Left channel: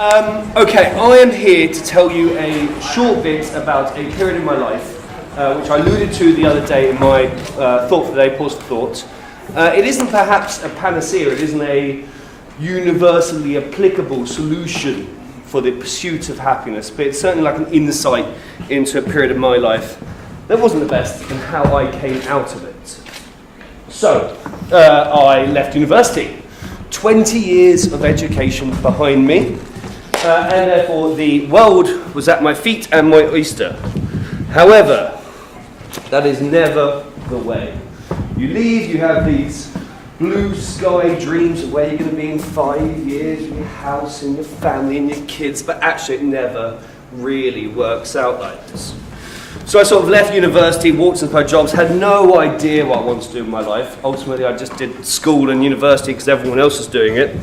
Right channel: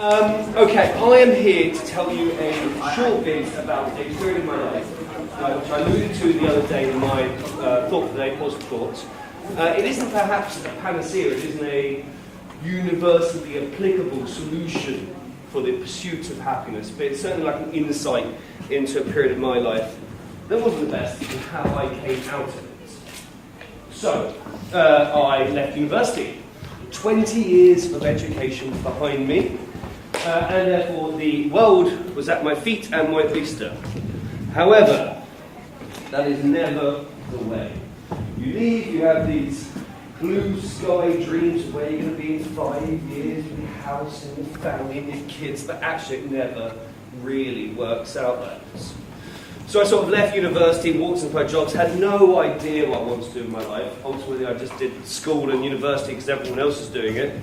Okay, I am here to tell you a short bit about a period in my life, which I alluded to the other day in my thought for the day, pause for thought. It isn't perhaps a panacea, it isn't a universally applicable solution for the pursuit of happiness, but it's certainly like an insight into a period of my life that wasn't the best in how I came out of it. So, I left university. 20 years of education behind me, and therefore the world was at my feet and my oyster. However, that is never the way. You leave, you have these blue sky dreams of where you're going to be in 5 years, your house and your family and your kids, but actually it never really works out like this. So I sort of left university, walked into my jobs, had no idea what I wanted to do with my life. Ultimately, I just did school and university because everyone else was doing it.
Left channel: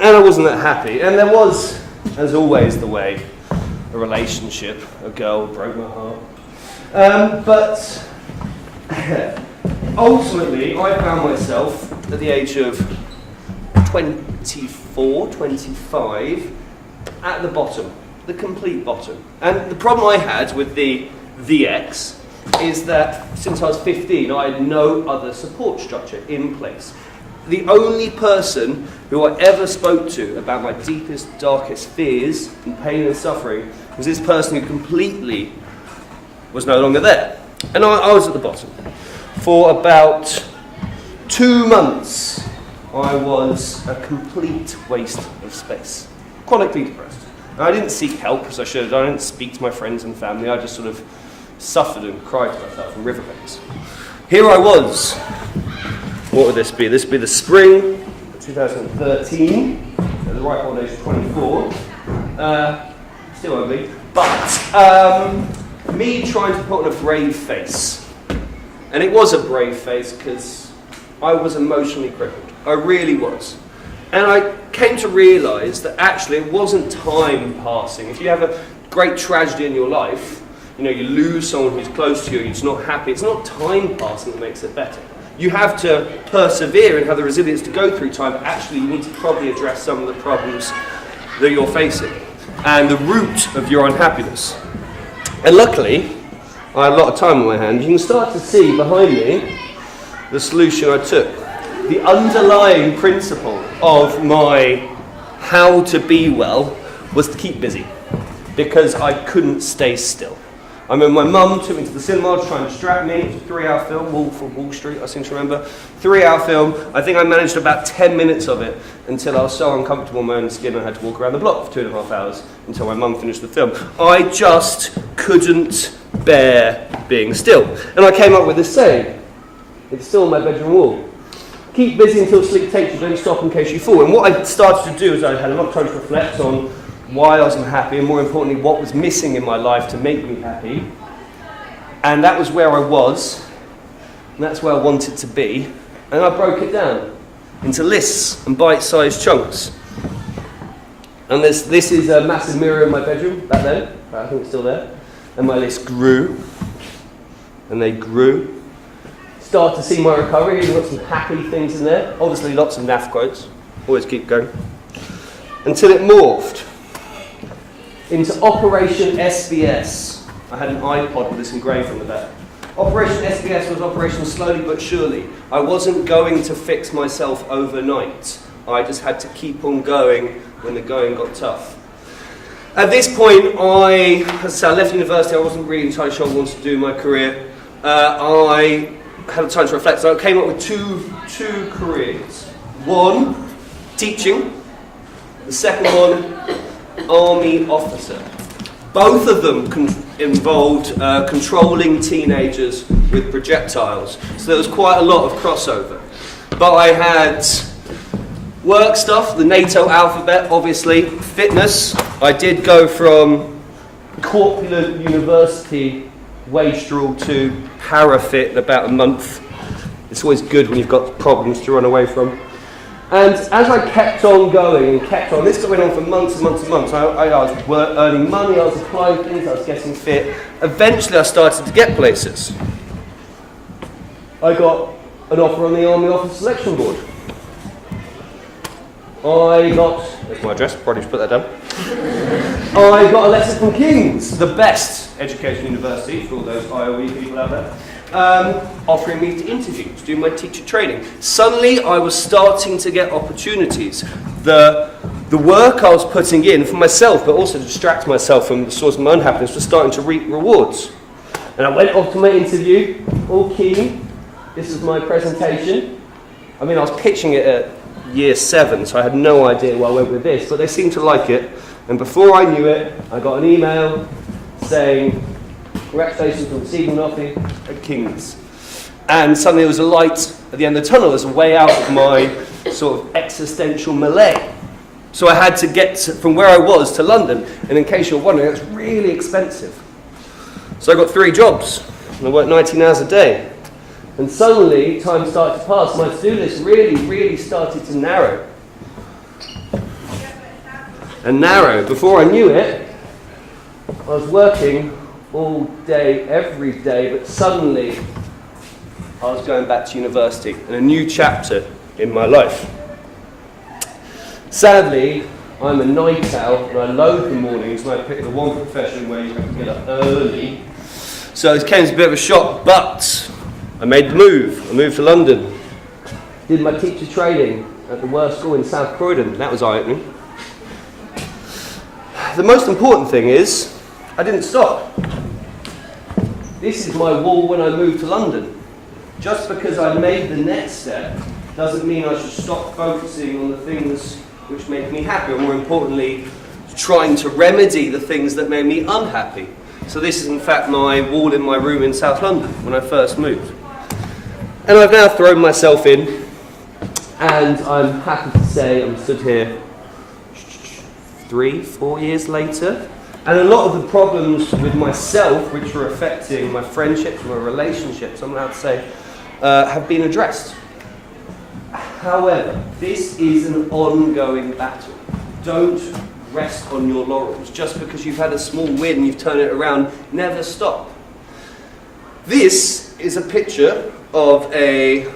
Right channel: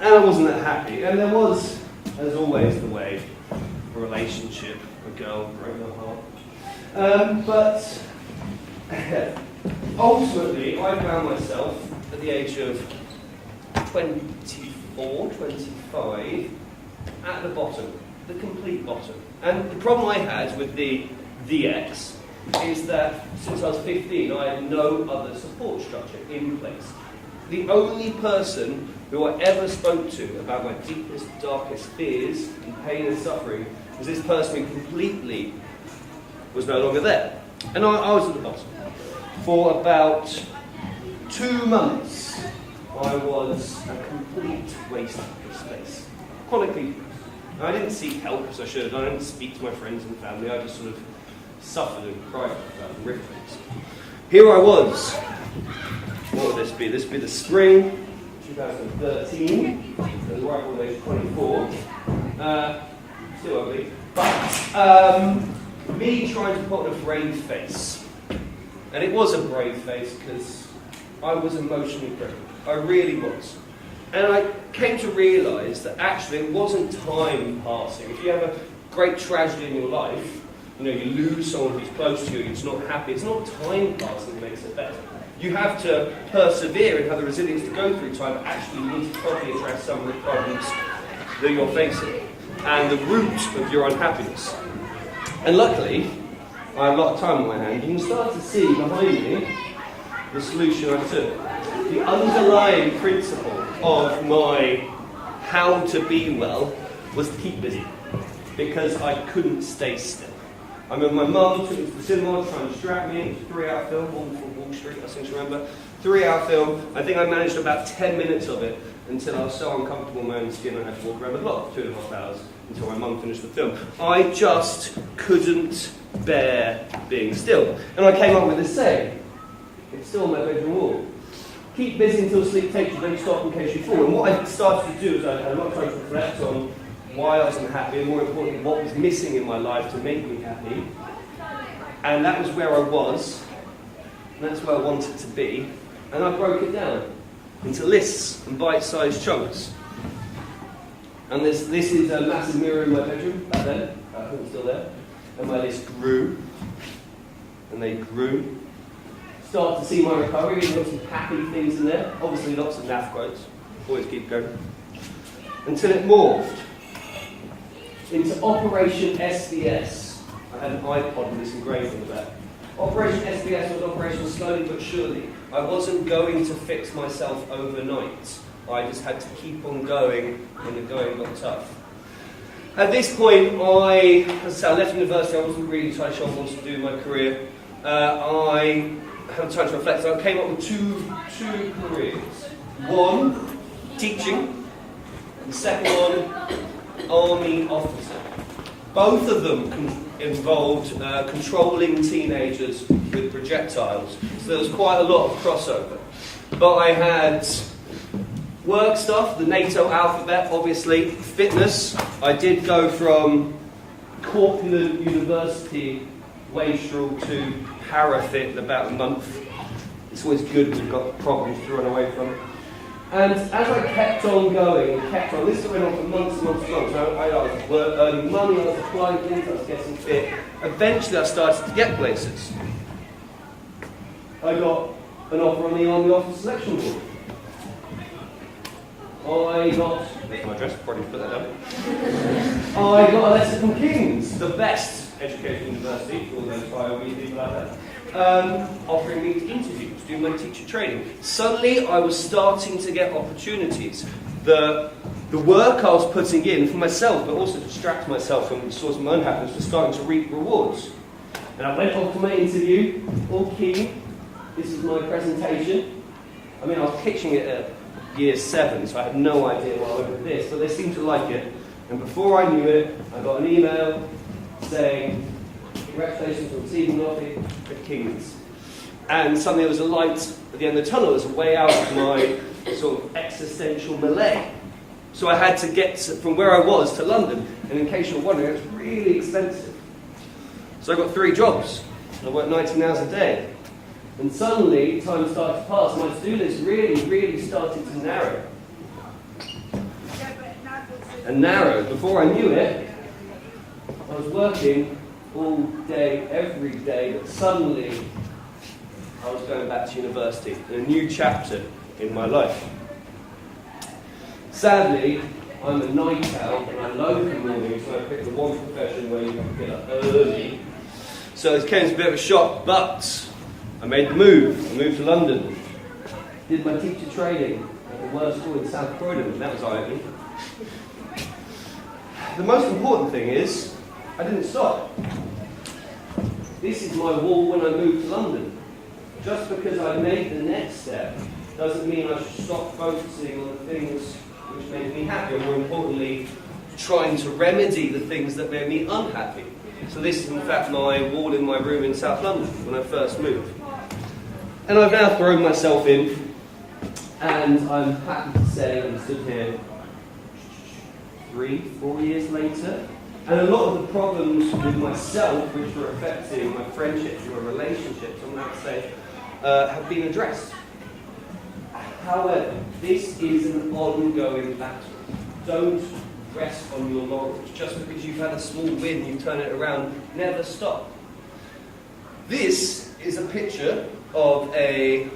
And I wasn't that happy. And there was, as always the way, a relationship. A girl broke my heart. But ultimately, I found myself at the age of 24, 25, at the bottom. The complete bottom. And the problem I had with the VX is that since I was 15, I had no other support structure in place. The only person who I ever spoke to about my deepest, darkest fears and pain and suffering was this person who completely was no longer there. And I was at the bottom. For about 2 months, I was a complete waste of space. Chronically depressed. I didn't seek help as I should have done. I didn't speak to my friends and family. I just sort of suffered and cried to myself in riverbeds. Here I was. What would this be? This would be the spring of 2013. So the right old age of 24. Still ugly. But me trying to put on a brave face. And it was a brave face because I was emotionally crippled. I really was. And I came to realise that actually it wasn't time passing. If you have a great tragedy in your life, you lose someone who's close to you, you're just not happy, it's not time passing that makes it better. You have to persevere and have the resilience to go through time, but actually you need to probably address some of the problems that you're facing and the root of your unhappiness. And luckily, I had a lot of time on my hands. You can start to see behind me the solution I took. The underlying principle of my how to be well was to keep busy, because I couldn't stay still. I remember my mum took me to the cinema to try and distract me. It was a 3-hour film, Wolf of Wall Street, I seem to remember. 3-hour film. I think I managed about 10 minutes of it until I was so uncomfortable in my own skin I had to walk around the block for 2.5 hours until my mum finished the film. I just couldn't bear being still. And I came up with this saying. It's still on my bedroom wall. Keep busy until sleep takes you, don't stop in case you fall. And what I started to do is I had a lot of time to reflect on why I was unhappy, and more importantly, what was missing in my life to make me happy. And that was where I was, and that's where I wanted to be. And I broke it down into lists and bite-sized chunks. And this is a massive mirror in my bedroom back then, but I think it's still there. And my list grew, and they grew. Start to see my recovery, and got some happy things in there. Obviously lots of naff quotes, always keep going. Until it morphed into Operation SBS. I had an iPod with this engraved on the back. Operation SBS was operational slowly but surely. I wasn't going to fix myself overnight. I just had to keep on going when the going got tough. At this point, I left university. I wasn't really entirely sure what I wanted to do in my career. I had time to reflect, so I came up with two careers. One, teaching. The second one, army officer. Both of them involved controlling teenagers with projectiles, so there was quite a lot of crossover. But I had work stuff, the NATO alphabet, obviously, fitness. I did go from corpulent university wastrel to parafit in about a month. It's always good when you've got problems to run away from. And as I kept on going and kept on, this went on for months and months and months. I was earning money, I was applying things, I was getting fit. Eventually I started to get places. I got an offer on the Army Officer Selection Board. I got There's my address, probably should put that down. I got a letter from King's, the best education university for all those IOE people out there, offering me to interview, to do my teacher training. Suddenly I was starting to get opportunities. The work I was putting in for myself, but also to distract myself from the source of my unhappiness, was starting to reap rewards. And I went off to my interview, all keen. This is my presentation. I mean, I was pitching it at year 7, so I had no idea where I went with this, but they seemed to like it. And before I knew it, I got an email saying, congratulations on receiving an offer at King's. And suddenly there was a light at the end of the tunnel. There's a way out of my sort of existential malaise. So I had to get from where I was to London, and in case you're wondering, it's really expensive. So I got 3 jobs, and I worked 19 hours a day. And suddenly, time started to pass. My to-do list really started to narrow. And narrow. Before I knew it, I was working all day, every day, but suddenly I was going back to university and a new chapter in my life. Sadly, I'm a night owl and I loathe the mornings when I pick the one profession where you have to get up early. So it came as a bit of a shock, but I made the move. I moved to London, did my teacher training at the worst school in South Croydon. That was eye-opening. The most important thing is, I didn't stop. This is my wall when I moved to London. Just because I made the next step doesn't mean I should stop focusing on the things which make me happy, or more importantly, trying to remedy the things that made me unhappy. So this is in fact my wall in my room in South London when I first moved. And I've now thrown myself in, and I'm happy to say I'm stood here 3-4 years later, and a lot of the problems with myself, which were affecting my friendships, my relationships, I'm allowed to say, have been addressed. However, this is an ongoing battle. Don't rest on your laurels. Just because you've had a small win, you've turned it around, never stop. This is a picture of a,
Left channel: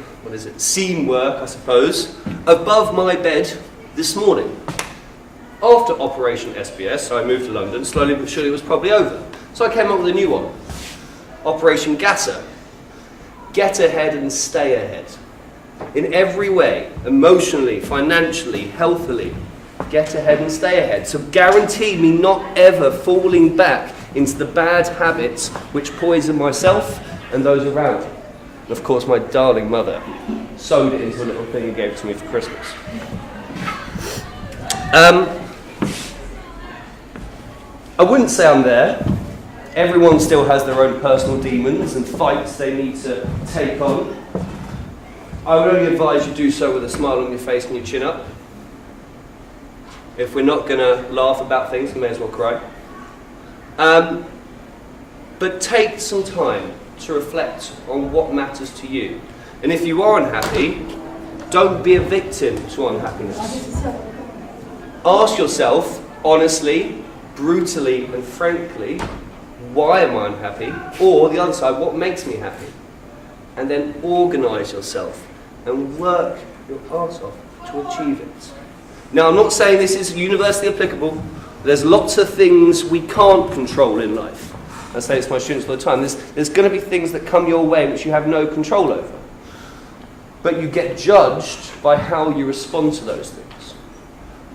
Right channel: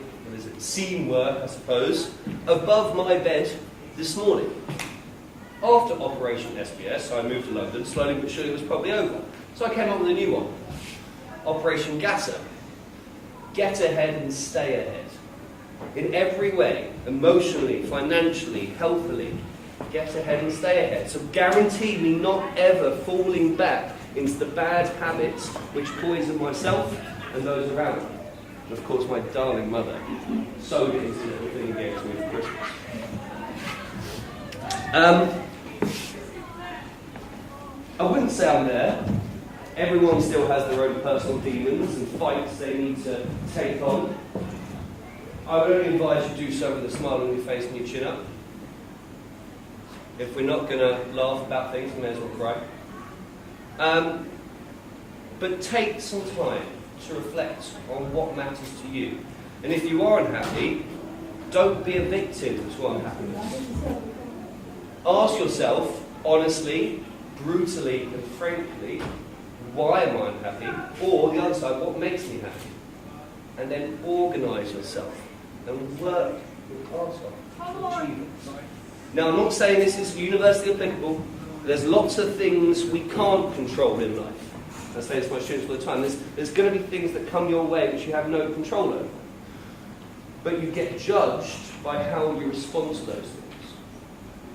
seam work, I suppose, above my bed this morning. After Operation SBS, so I moved to London, slowly but surely it was probably over. So I came up with a new one. Operation Gatter. Get ahead and stay ahead. In every way, emotionally, financially, healthily, get ahead and stay ahead. So guarantee me not ever falling back into the bad habits which poison myself and those around me. And of course my darling mother sewed it into a little thing and gave it to me for Christmas. I wouldn't say I'm there. Everyone still has their own personal demons and fights they need to take on. I would only advise you do so with a smile on your face and your chin up. If we're not going to laugh about things, we may as well cry. But take some time to reflect on what matters to you. And if you are unhappy, don't be a victim to unhappiness. Ask yourself, honestly, brutally and frankly, why am I unhappy? Or the other side, what makes me happy? And then organise yourself and work your ass off to achieve it. Now, I'm not saying this is universally applicable. There's lots of things we can't control in life. I say this to my students all the time. There's going to be things that come your way which you have no control over. But you get judged by how you respond to those things.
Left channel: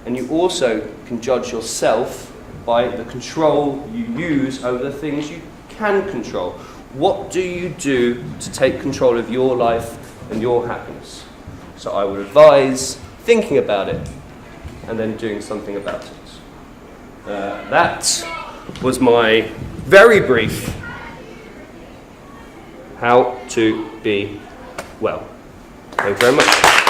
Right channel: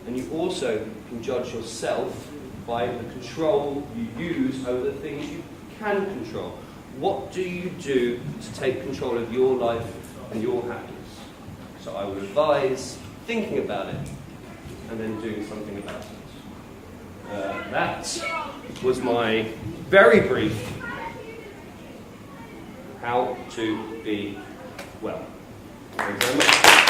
And you also can judge yourself by the control you use over the things you can control. What do you do to take control of your life and your happiness? So I would advise thinking about it and then doing something about it. That was my very brief how to be well. Thank you very much.